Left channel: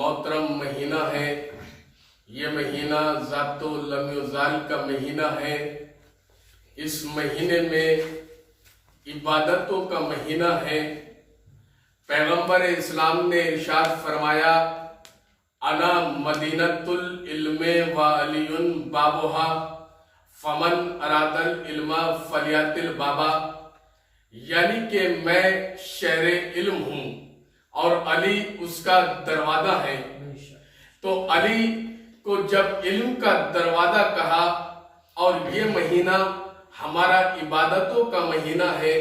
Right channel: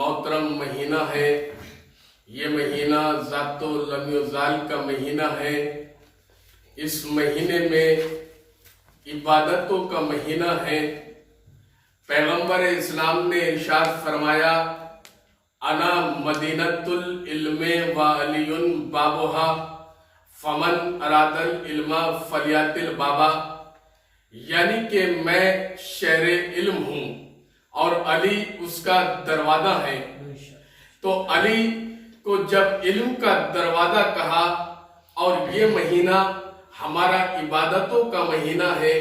मोहतरम महीना है। ये महीना ज़ातो लम्युज़ाल का महीना है। इस महीने में इबादतों का महीना है। पैगंबर इस्लाम ने इरशाद फरमाया, अना मदीनतुल इल्मे व अलियुन बाबुहा फमन अरादल इल्मा फलियातिल बाबा, यानी कि मैं शहरे इल्म हूँ और अली उसका दरवाजा है। तो अली को जब इल्म का दरवाजा कहा, और ये महीना हमारा इबादतों का महीना है,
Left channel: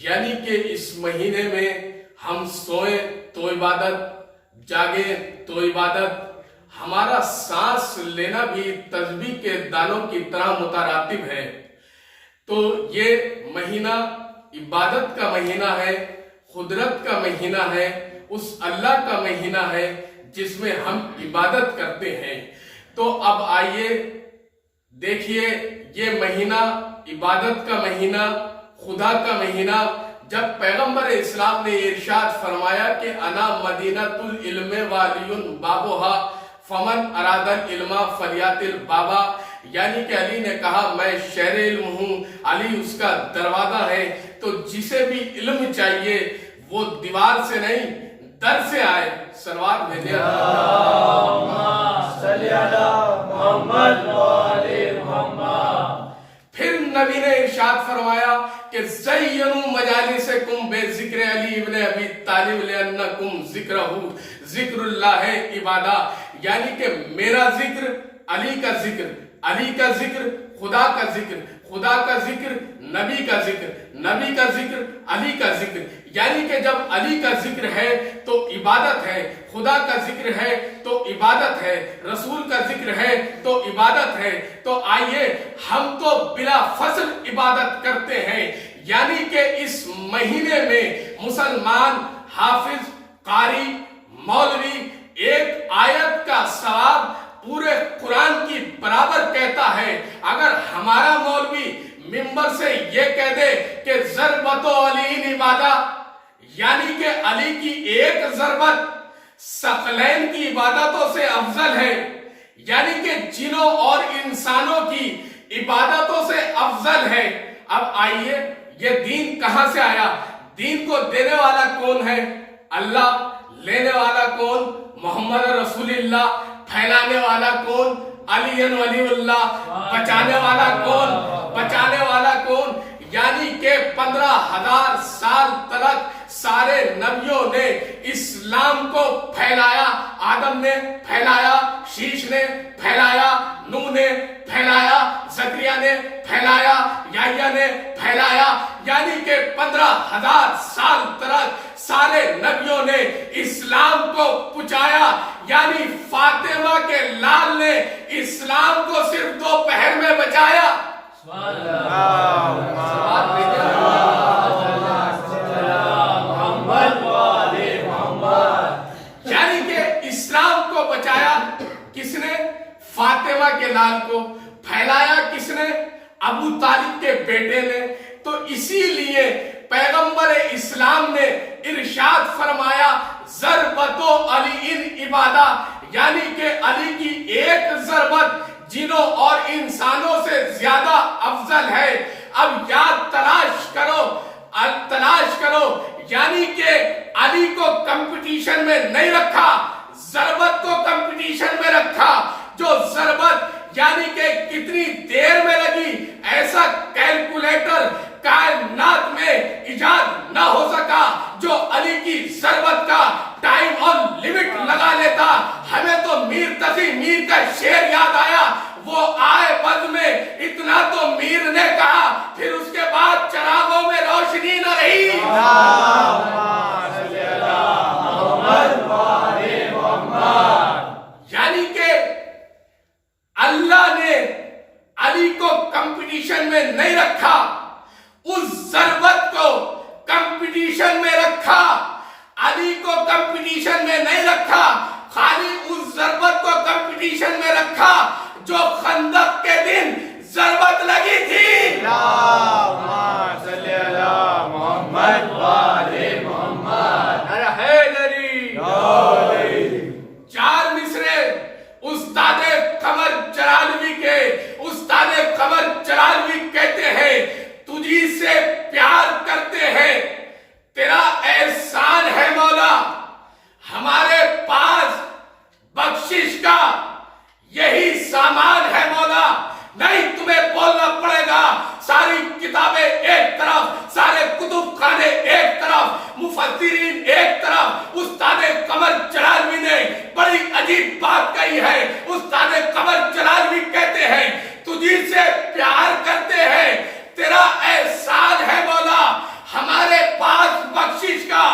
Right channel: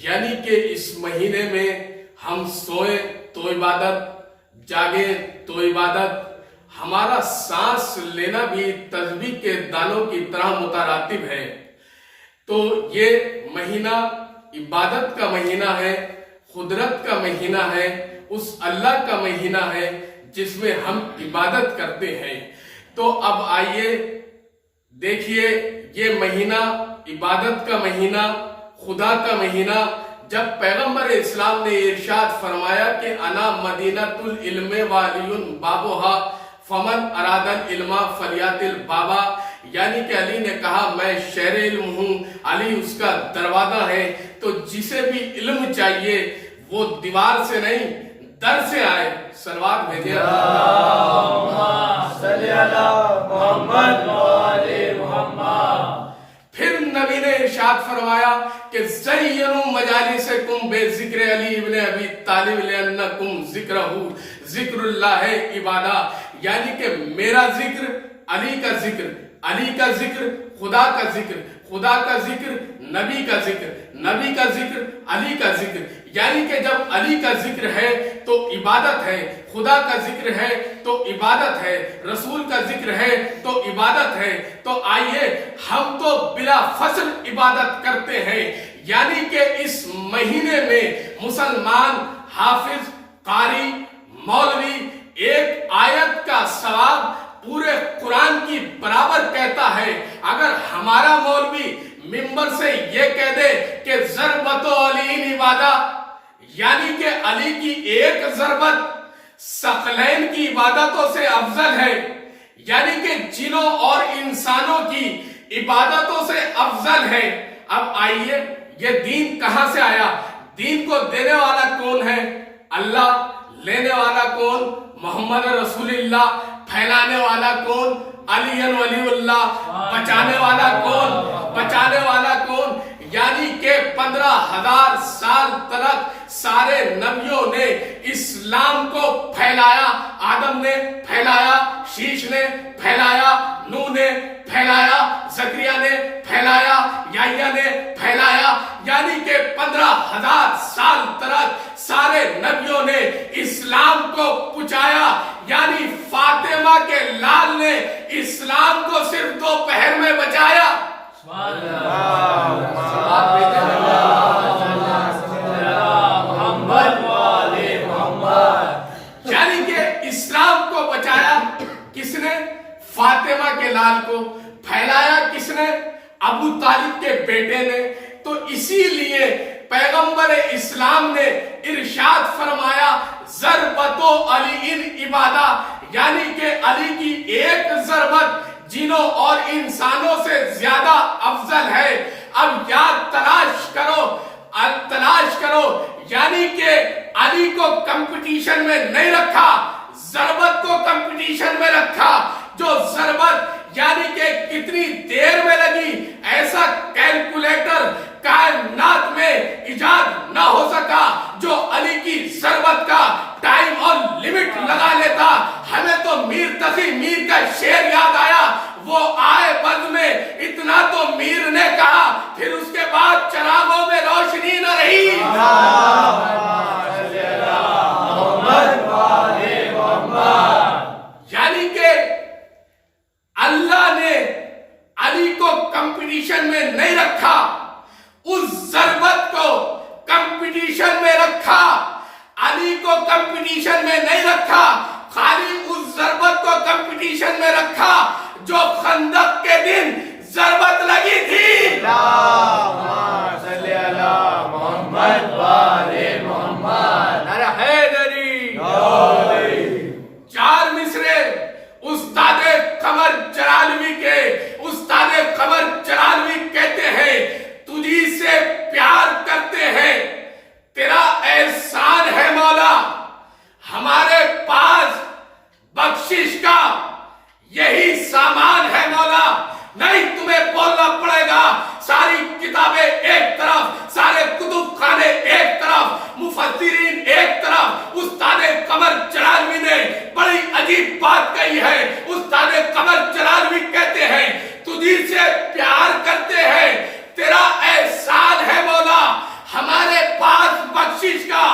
यानी कि इस महीने में हम सोए तो इबादत, जागे तो इबादत, हमारा सांस लेना भी तस्बीह के दानों की तरह मुतरातिब है। तो ये महीना इबादत का महीना है, कुदरत का महीना है, उस अल्लाह का महीना है जिसमें हम इबादत करते हैं। तो अब आइए देखिए, ये महीना इबादत का महीना, खुदा का महीना, जब पैगंबर इस्लाम ने इरशाद फरमाया कि अना मदीनतुल इल्मे वालियुन बाबुहा फमन अरादल इल्मा फलियातिल बाबा, यानी कि अली ने कहा मैं शहर इल्म हूँ, अली उसका दरवाजा है। तो जिसे भी इल्म चाहिए वो दीवार से नहीं दर से आए। सलवात भेजिए। फिर नबी ने इरशाद फरमाया कि ज़य्यनु मजालिसकुम बेज़िक्र अली इब्न अबी तालिब लिअन्नकुम ज़िक्रहु ज़िक्रुल्लाह इबादा, यानी कि मेरा जिक्र अली का जिक्र, अली का जिक्र खुदा का जिक्र, खुदा का जिक्र नबी का जिक्र, नबी का जिक्र अली का जिक्र, यानी कि जब अली का जिक्र है तो इबादत है, खुदा का जिक्र है तो इबादत है, रसूल का जिक्र है तो इबादत है। तो आइए हम तो बिला फसल इबादत करते हैं, यानी कि इस महीने में मुसलमान हाफिज, कारी, मौलवी एक आयत का सवाब पूरे कुरान की बराबर कहता है। अगर हमारा मौलवी मिंबर से ये कह दे कि ज़रबतो अली इबादा, यानी कि अली की एक ज़रबत सकलैन की इबादतों से अफजल है, यानी कि जिनों और इंसानों की इबादतों से अफजल है। अब आइए, ये दीन कहां से आया? दीन को देने वाला कौन है? अल्लाह। लेने वाला कौन? मोहम्मद रसूलुल्लाह। फैलाने वाला कौन? अलियन वलीउल्लाह। बचाने वाला कौन? बचाने वाला कौन? यानी कि 15,000 साल तक सारे नबियों ने इस्लाम को फैलाया। आदम ने फैलाया, शीश ने फैलाया, नूह ने फैलाया, ज़करिया ने फैलाया, याह्या ने फैलाया, यानी कि 15,000 साल तक सारे नबियों ने इस्लाम को पहुंचाया। यानी फातिमा के लाल ने इस्लाम को सिर्फ दोपहर में बचाया। यानी कि इस्लाम को बचाया किसने? फातिमा के लाल को। फैलाया किसने? अबू तालिब के बेटे ने। तो इसीलिए पैगंबर इस्लाम ने इरशाद फरमाया, ज़रबतो अली इन इबादा, यानी कि अली की एक ज़रबत जिनों और इंसानों से ज्यादा अफजल है। अब याद तलाश करो, यानी कि अली को कंपटीशन में नहीं रखा, ज़रबत को कंपटीशन में रखा। जो ज़रबत यानी कि कितनी देर में लगी, ऐसा कैलकुलेटर कायनात में इजाद ना हो सका जो अली की ज़रबत का टाइम और लिमिट लगा लेता। हमें तो मीर तकी मीर का शेर याद आया, वो आए बद में इतना तो मीर ने कहा, फिर उसके बाद चरागों में रोशनी न रही। यानी कि अल्लाह ने अली को कंपटीशन में नहीं रखा, उस ज़रबत को कंपटीशन में रखा। अली को कंपटीशन में नहीं रखा, खाली उस ज़रबत को कंपटीशन में रखा जो खंदक के दिन ज़रबत लगी थी। استاد قمر جلالوی کہتے ہیں تجھی سے پیار کرتے ہیں، تیرا احسان ہے مولا، ہمارے پاس بخشش کا یہی سامان ہے مولا۔ نہیں تمہیں بولنا پڑے گا، ساری کتابیں ایک طرف، سارے کتب خانے ایک طرف، مفسرین ایک طرف، استاد قمر جلالوی نے بڑی عجیب بات کہی ہے۔ استاد قمر جلالوی کہتے ہیں تجھی سے پیار کرتے ہیں، تیرا احسان ہے مولا، ہمارے پاس بخشش کا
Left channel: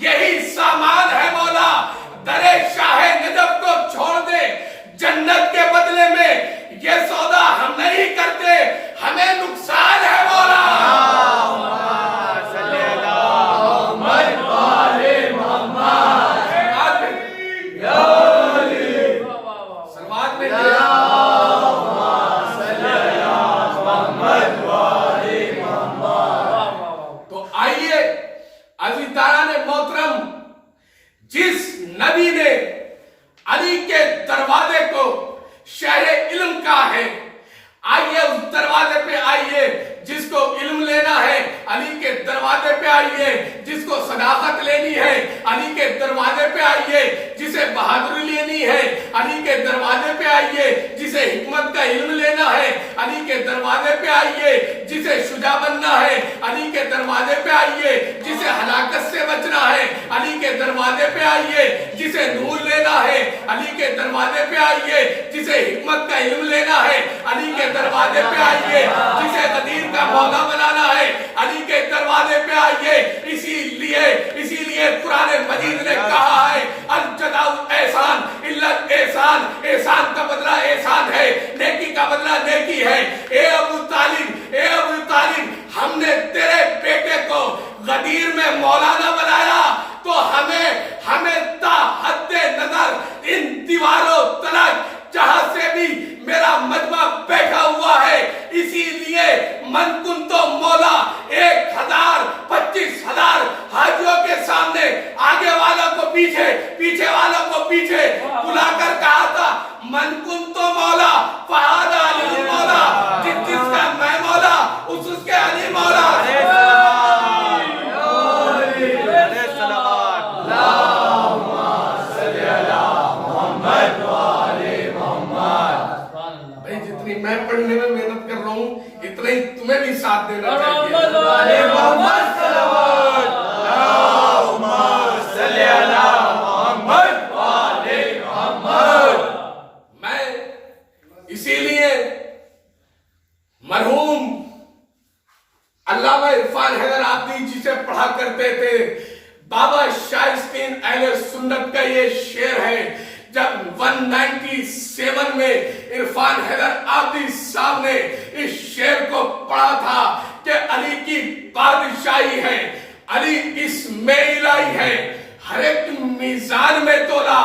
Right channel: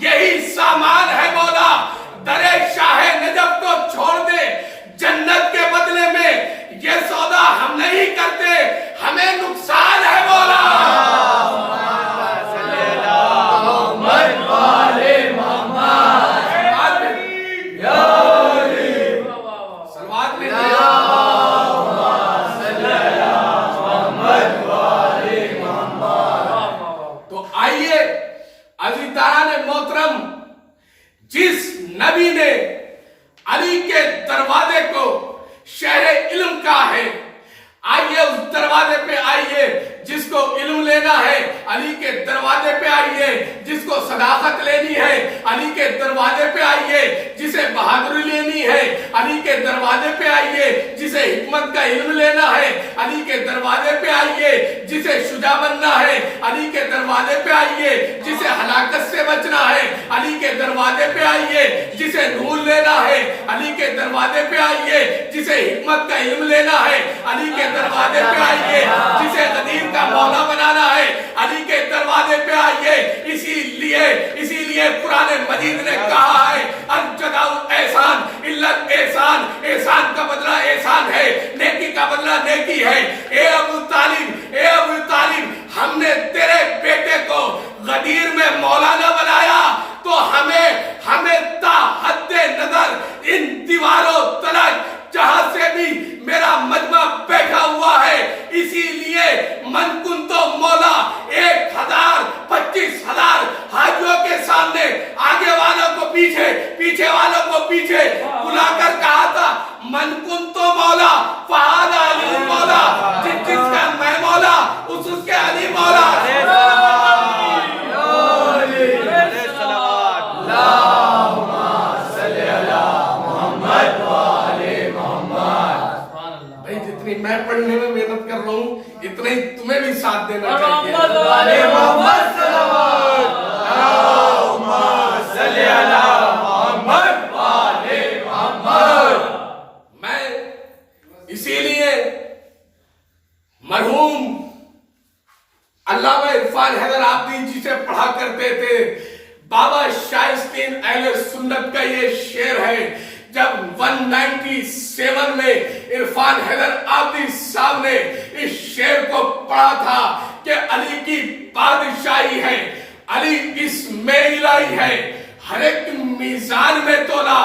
یہی سامان ہے مولا۔ درے شاہ نجف کو چھوڑ دے، جنت کے بدلے میں یہ سودا ہم نہیں کرتے، ہمیں نقصان ہے مولا۔ سلوات میں تو آئیے عزیزداران محترم، جس نبی نے علی کے دروازے کو شہر علم کہا ہے، آئیے اس دروازے پہ آئیے، جس کو علم لینا ہے علی کے دروازے پہ آئیے، جس کو صداقت لینی ہے علی کے دروازے پہ آئیے، جسے بہادری لینی ہے علی کے دروازے پہ آئیے، جسے حکمت کا علم لینا ہے علی کے دروازے پہ آئیے، جسے شجاع بننا ہے علی کے دروازے پہ آئیے، جسے ہلاکت سے بچنا ہے علی کے دروازے پہ آئیے، جسے نور لینا ہے علی کے دروازے پہ آئیے، جسے حکمت کا علم لینا ہے علی کے دروازے پہ آئیے، جسے قدیر کا مولا بنانا ہے علی کے دروازے پہ آئیے۔ اسی لیے قرآن مجید نے کہا ہے الجزاء احسان الا احسان، احسان کا بدلہ احسان ہے، نیکی کا بدلہ نیکی ہے۔ اے ابو طالب، ہم نے تیرے بیٹے کو غدیر میں مولانا بنایا تو ہمیں تا حد نظر ان دیواروں تلک جہاں سے بھی میرا مجمع بیٹھا ہوا ہے، اسی لیے من کن تو مولا 1000-25,000 حاجیوں کے سامنے، آگے والوں کو پیچھے، پیچھے والوں کو پیچھے بلا کر کہا تھا من کن تو مولا فہد علی مولا، جس کا میں مولا اس کے علی مولا۔ میں پڑھنے میں محنت کر رہا ہوں، اتنا ہی تمہیں بھی ساتھ دینا چاہیے۔ میں اسی لیے مرحوم علامہ عرفان حیدر آبادی جسے پڑھا کرتے تھے، بابا شائستین اہل سنت کا یہ شعر ہے۔ جب 197 میں عرفان حیدر آبادی صاحب نے اس شعر کو پڑھا تھا کہ علی کی بادشاہی ہے، علی اس میں الہی ہے، ہر ایک میزان میں تولا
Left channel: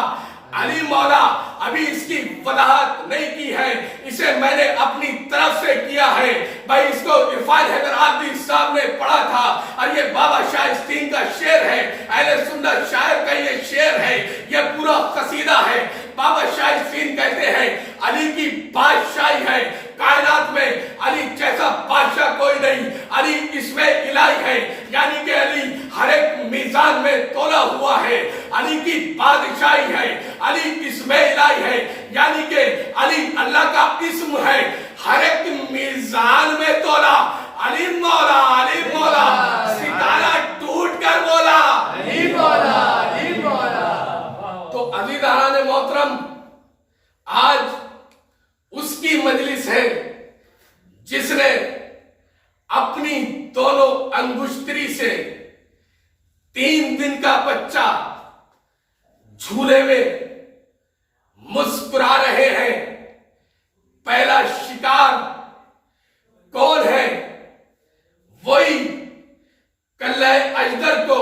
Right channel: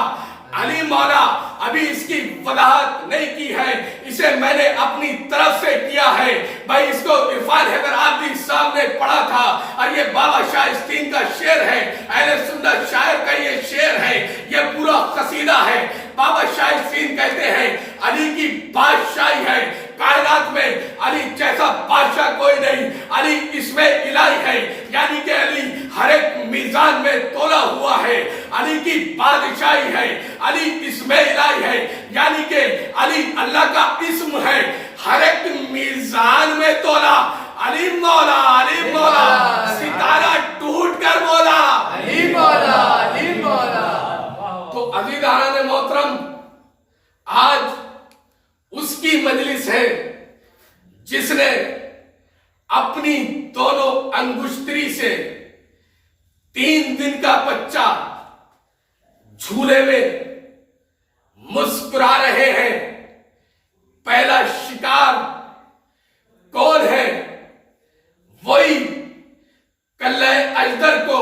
علی مولا۔ ابھی اس کی وضاحت نہیں کی ہے، اسے میں نے اپنی طرف سے کیا ہے بھائی۔ اس کو عرفان حیدر آبادی صاحب نے پڑھا تھا اور یہ بابا شائستین کا شعر ہے، اہل سنت شاعر کا یہ شعر ہے، یہ پورا قصیدہ ہے۔ بابا شائستین کہتے ہیں علی کی بادشاہی ہے، کائنات میں علی جیسا بادشاہ کوئی نہیں، علی اس میں الہی ہے، یعنی کہ علی ہر ایک میزان میں تولا ہوا ہے، علی کی بادشاہی ہے، علی اس میں الہی ہے، یعنی کہ علی اللہ کا اسم ہے، ہر ایک میزان میں تولا علی مولا، علی مولا، ستارہ ٹوٹ کر بولا علی مولا، علی مولا۔ تو عزیزان محترم، آج اس کی مجلس ہے جس نے اپنی دونوں انگشتری سے 3 دن کا بچہ جھولے میں مسکرا رہے ہیں۔ پہلا شکار کون ہے؟ وہی کلہ اجدر کو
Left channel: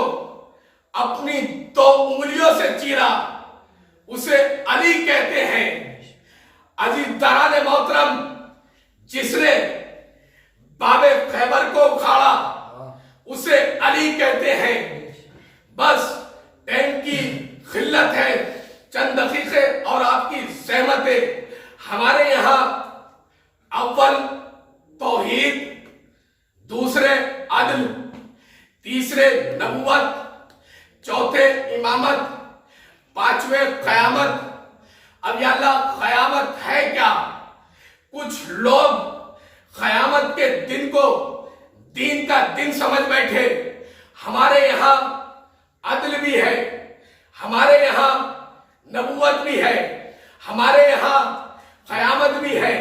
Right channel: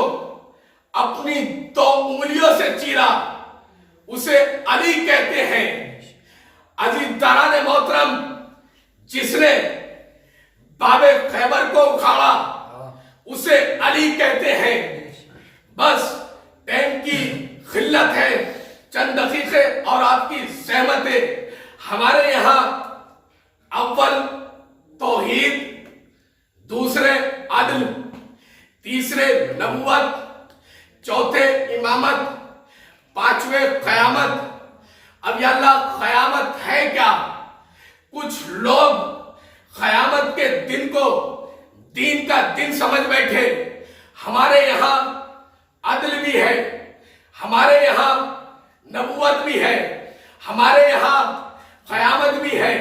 اپنی 2 انگلیوں سے چیرا، اسے علی کہتے ہیں۔ عزیزداران محترم، جس نے باب خیبر کو اکھاڑا اسے علی کہتے ہیں۔ بس ٹائم کی قلت ہے، چند دقیقے اور آپ کی زحمت ہے۔ ہمارے یہاں अव्वल तौहीद, दूसरे अदल, तीसरे नबुवत, चौथे इमामत, पांचवें क़यामत। अब या अल्लाह क़यामत है क्या? कुछ लोग क़यामत के दिन को दीन का दिन समझ बैठे। हमारे यहाँ अदल भी है, हमारे यहाँ नबुवत भी है, हमारे यहाँ क़यामत भी है,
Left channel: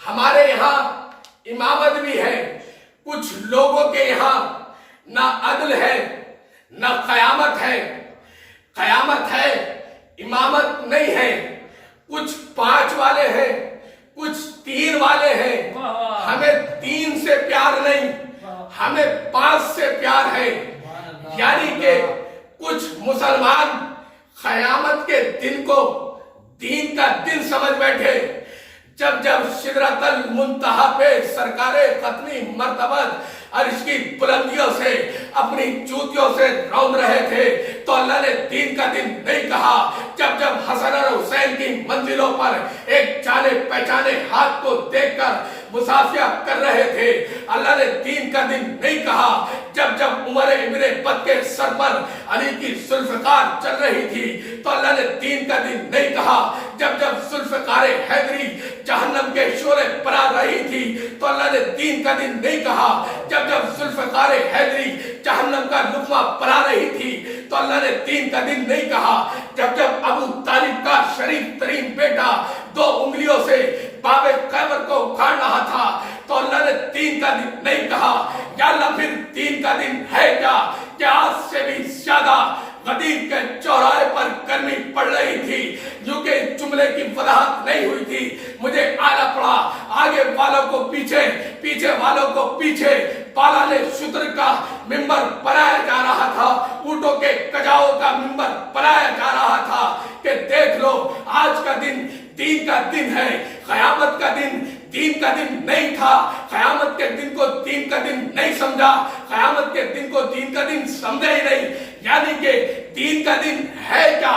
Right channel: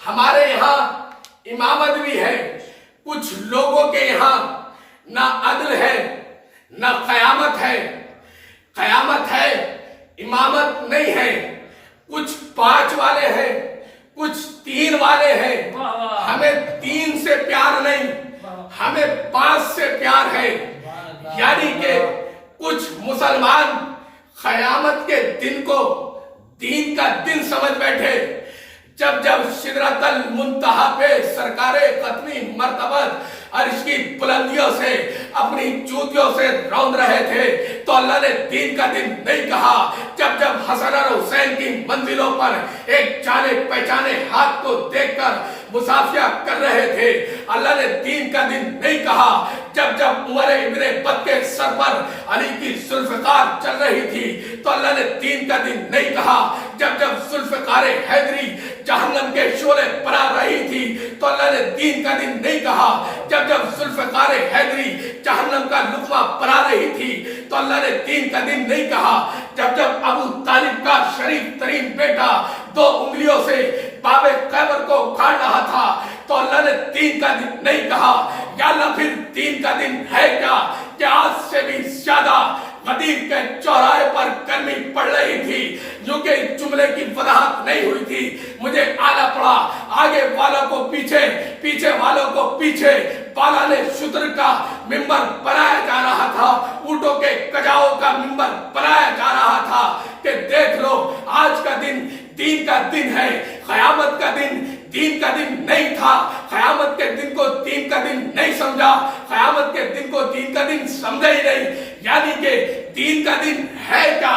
हमारे यहाँ इमामत भी है। कुछ लोगों के यहाँ ना अदल है, ना क़यामत है। क़यामत है, इमामत नहीं है। कुछ 5 वाले हैं, कुछ 3 वाले हैं। हमें 3 से प्यार नहीं, हमें 5 से प्यार है। यानी कि कुछ मुसलमान क़यामत के दिन को दीन का दिन समझ बैठे। जब जब सिदरतल मुंतहा पे सरकारे ख़त्मी मर्तबत अर्श की बुलंदियों से अपनी जूतियों से रौंद रहे थे, तो अल्लाह ने दीन का दिन नहीं कहा। जब जब हसन और हुसैन की मंजिलों पर एक जाने पहचाने हाथ को देखकर मुसाफिया कर रहे थे, अल्लाह ने दीन का दिन नहीं कहा। जब जब उमर इब्ने बद के सर पर अली की जुल्फ़िकार चल रही थी, तो अल्लाह ने दीन का दिन नहीं कहा। जब जब जुल्फ़िकार हैदरी जहन्नम के शोले बना रही थी, तो अल्लाह ने दीन का दिन नहीं कहा। जब जब जुल्फ़िकार हैदरी जहन्नम का लुक़मा बना रही थी, तो अल्लाह ने दीन का दिन नहीं कहा। जब जब अबू तालिब का शरीफ तरीन बेटा 2 उंगलियों से बाबे कैबर को उखाड़ रहा था, तो अल्लाह ने दीन का दिन नहीं कहा। या अल्लाह फिर दीन का दिन है क्या? कि आज से भी ज्यादा गदीर के चौराहे पर गर्मी पड़ रही थी, जो कि जुमले की वजाहत नहीं हुई थी। मुझे आना पड़ा, आगे वालों को पीछे, पीछे वालों को पीछे। बाला ने शुतर का मिंबर बनाया जा रहा था, ऊंटों के कजाओं का मिंबर बनाया जा रहा था कि देख लो आज का दिन दीन का दिन है। क़यामत का दिन दीन का दिन नहीं था। क़यामत के दिन को दीन का दिन नहीं समझा, क़यामत के दिन को दीन का दिन समझा ही नहीं। यानी कि दीन का दिन है क्या?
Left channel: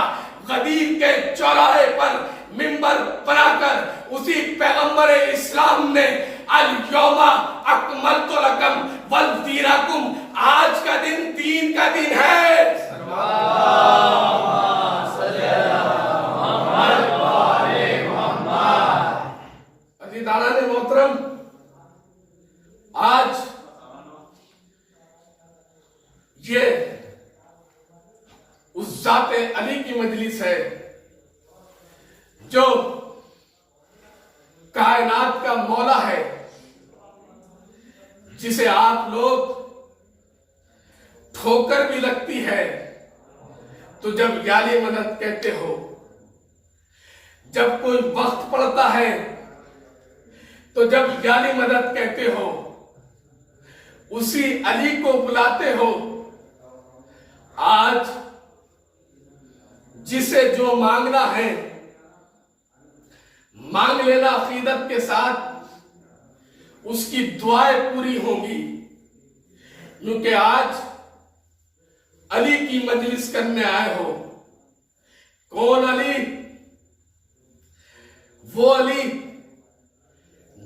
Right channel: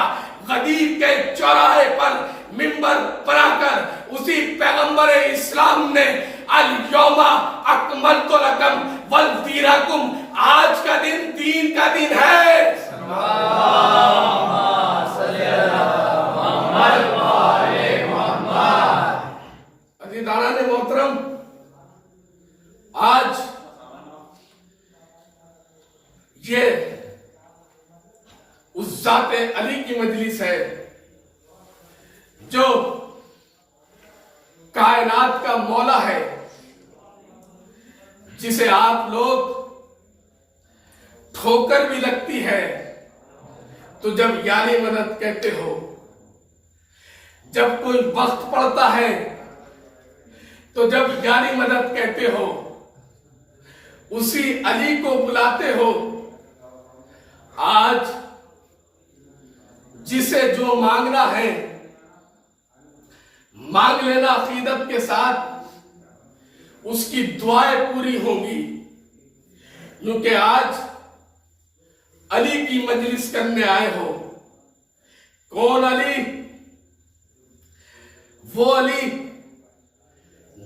गदीर के चौराहे पर मिंबर बनाकर उसी पैगंबर इस्लाम ने अल यौमा अकमलतु लकुम वल दीनकुम, आज का दिन दीन का दिन है। अज़ीज़ान मोहतरम, आज ये उस ज़ाते अली की मजलिस है जो कायनात का मौला है, जिसे आप लोग ठोकर भी लगती है तो जब याली मदद कहते हो, जब कोई वक्त पड़ता है तो जब याली मदद कहते हो, उसी अली को बुलाते हो। आज जिसे जो मांगना है मांग लेना अकीदत के साथ, उसकी दुआएं पूरी होंगी। क्योंकि आज अली की मजलिस करने आए हो। कौन अली? वो अली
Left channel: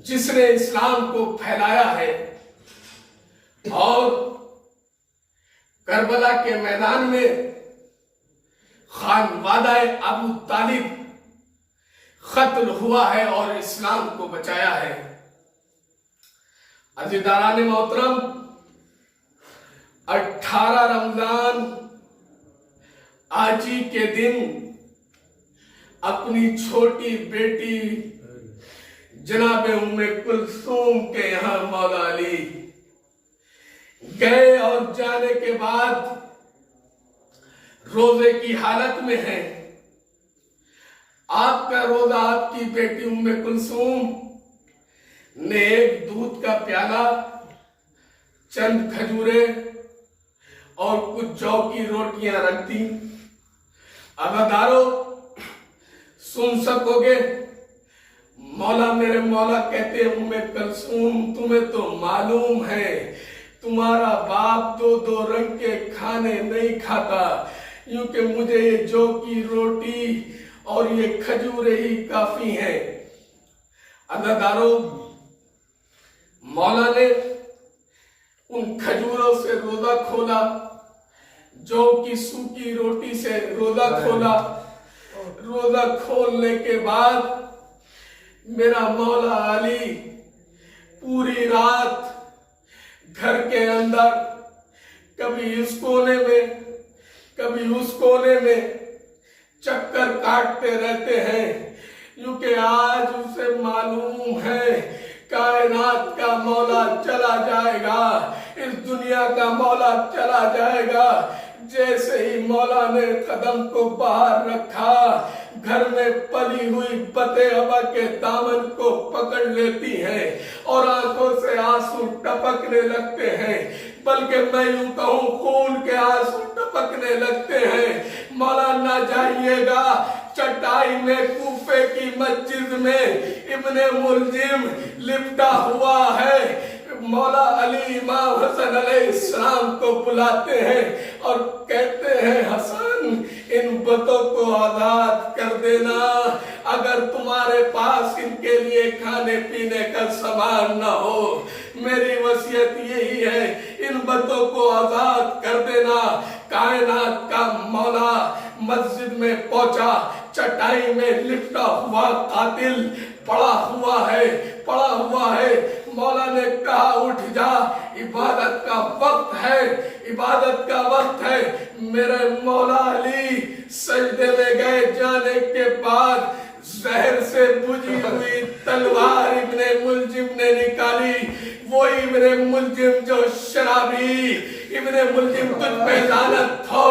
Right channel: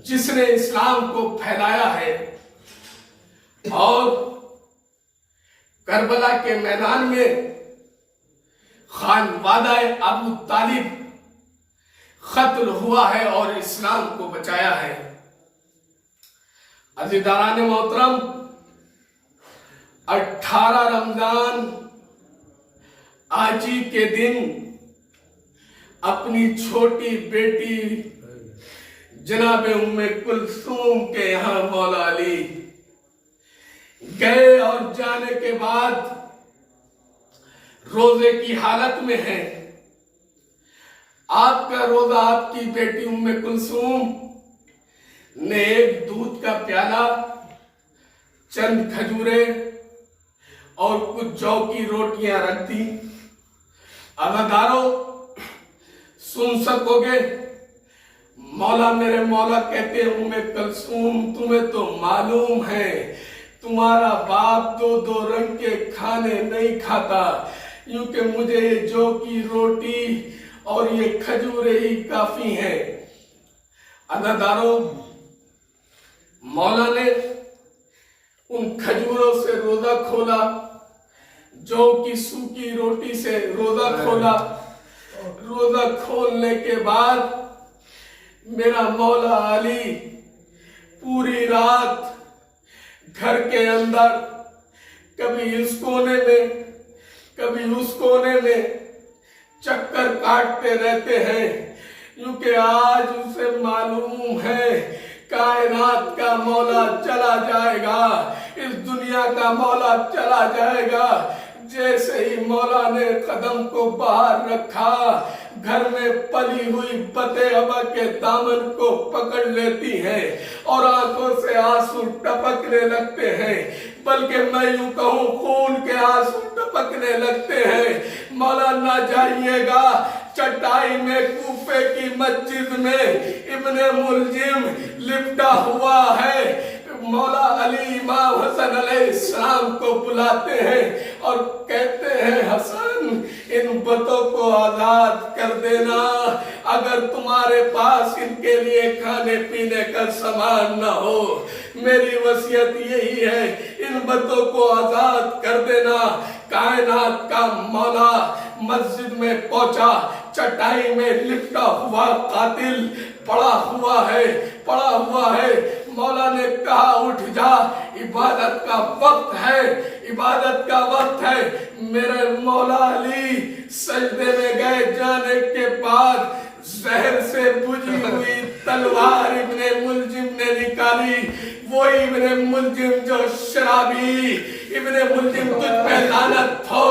जिसने इस्लाम को फैलाया है और करबला के मैदान में खानवादा अबू तालिब कत्ल हुआ है और इस्लाम को बचाया है। अज़ीज़ान मोहतरम, 18 रमजान आज ही के दिन अपनी छोटी बेटी जनाबे उम्मे कुलसूम के यहाँ मौला अली गए और जाने के बाद रोजे की हालत में है। आपका रोजा आपकी बेटी उम्मे कुलसूम ने एक दूध का प्याला, चंद खजूरे और कुछ जौ की रोटियां रख दी। अदादारो सुन सकोगे, मौला मेरे मौला कहते हैं उम्मे कुलसूम, तुम्हें तो मालूम है तुम्हारा बाप 2-2 रंग के खाने नहीं खाता, क्योंकि मुझे ये जौ की रोटी और ये खजूरें ही काफी हैं। अदादारो मौला ने उन खजूरों से रोजा खोला, जौ की सूखी रोटी से रोजा खोला। रोजा खोलने के बाद मेरा मौला अली पूरी रात घर के अंदर कभी इस कोने में कभी उस कोने में चक्कर काटते रहते हैं, क्योंकि आज उसे मालूम है कायनात का मौला चला जाएगा, इस दुनिया का मौला चला जाएगा। जैसे ही मौला ने कदम को बाहर रखा, घर में पली हुई बते अबा के दामन को पकड़ लेती हैं और आंखों से आंसू टपकने लगते हैं, बल्कि मैं यूं कहूं खून के आंसू टपकने लगते हैं। मौला ना जाइएगा, चटाई में कूफे की मस्जिद में इब्ने मुलजिम लिपटा हुआ है। मौला अली इमाम हसन अलैहिस्सलाम को बुलाते हैं और कहते हैं, हसन इन बतों को आजाद कर देना, अगर तुम्हारे पास इनके लिए खाने पीने का सामान न हो, मेरी वसीयत यही है, इन बतों को आजाद कर देना। कायनात का मौला मस्जिद में पहुंचा, चटाई में लिपटा हुआ कातिल पड़ा हुआ है। मौला ने कहा, उठ जा, इबादत का वक्त है। मेरे मौला अली सजदे में गए, जाने के बाद जहर से बुझी हुई तलवार इब्ने मुलजिम ने निकाली। वो इब्ने मुलजिम जो शराबी, इब्ने मुलजिम तुझ पे लानत हो,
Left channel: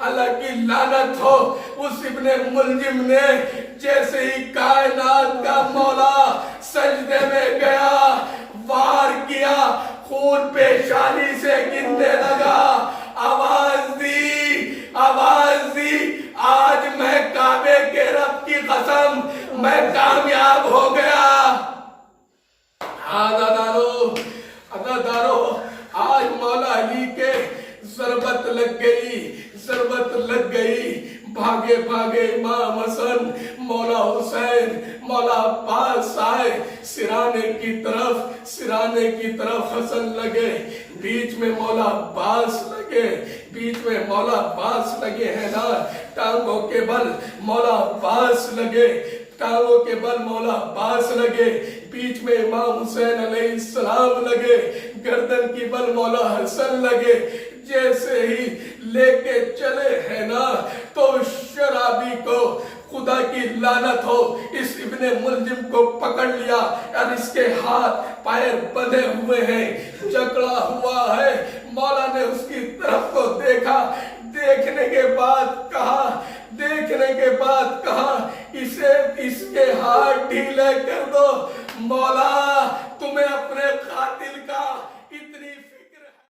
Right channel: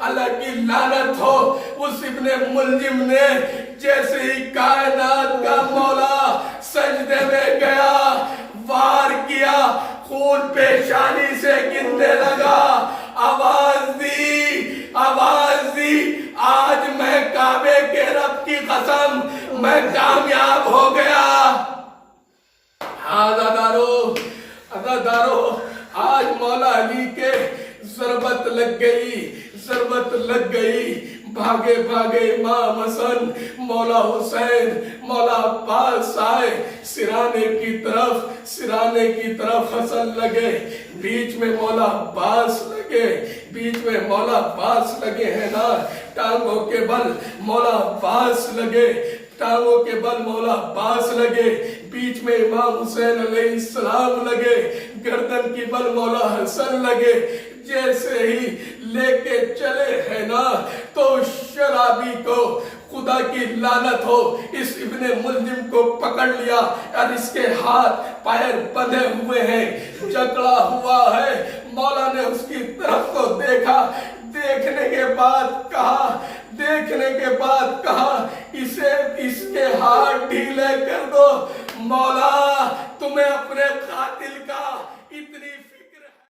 अल्लाह की लानत हो। उस इब्ने मुलजिम ने जैसे ही कायनात का मौला सजदे में गया, वार किया, खून पेशानी से गिरने लगा, आवाज दी, आज मैं काबे के रब की कसम, मैं कामयाब हो गया। अदादारो, आज मौला अली के जरबत लग गई। भागे इमाम हसन, मौला हुसैन, मौला अब्बास आए, सिराने की तरफ हसन लगे, बीच में मौला अब्बास लगे हैं ना, टांगों के बल मौला अब्बास लगे, बीच में इमाम हुसैन अलैहिस्सलाम लगे, गर्दन की बल मौला हसन लगे। जैसे ही लेके चले हैं ना, तो शराबी को खुदा की लानत हो, इस इब्ने मुलजिम को पकड़ लिया और इसके हाथ पैर बंधे हुए हैं, जकड़ा हुआ है। मौला ने उसकी तरफ को देखा, देखने के बाद कहा, इसके हाथ ढीले कर दो। मौला तुम्हें अपने कातिल का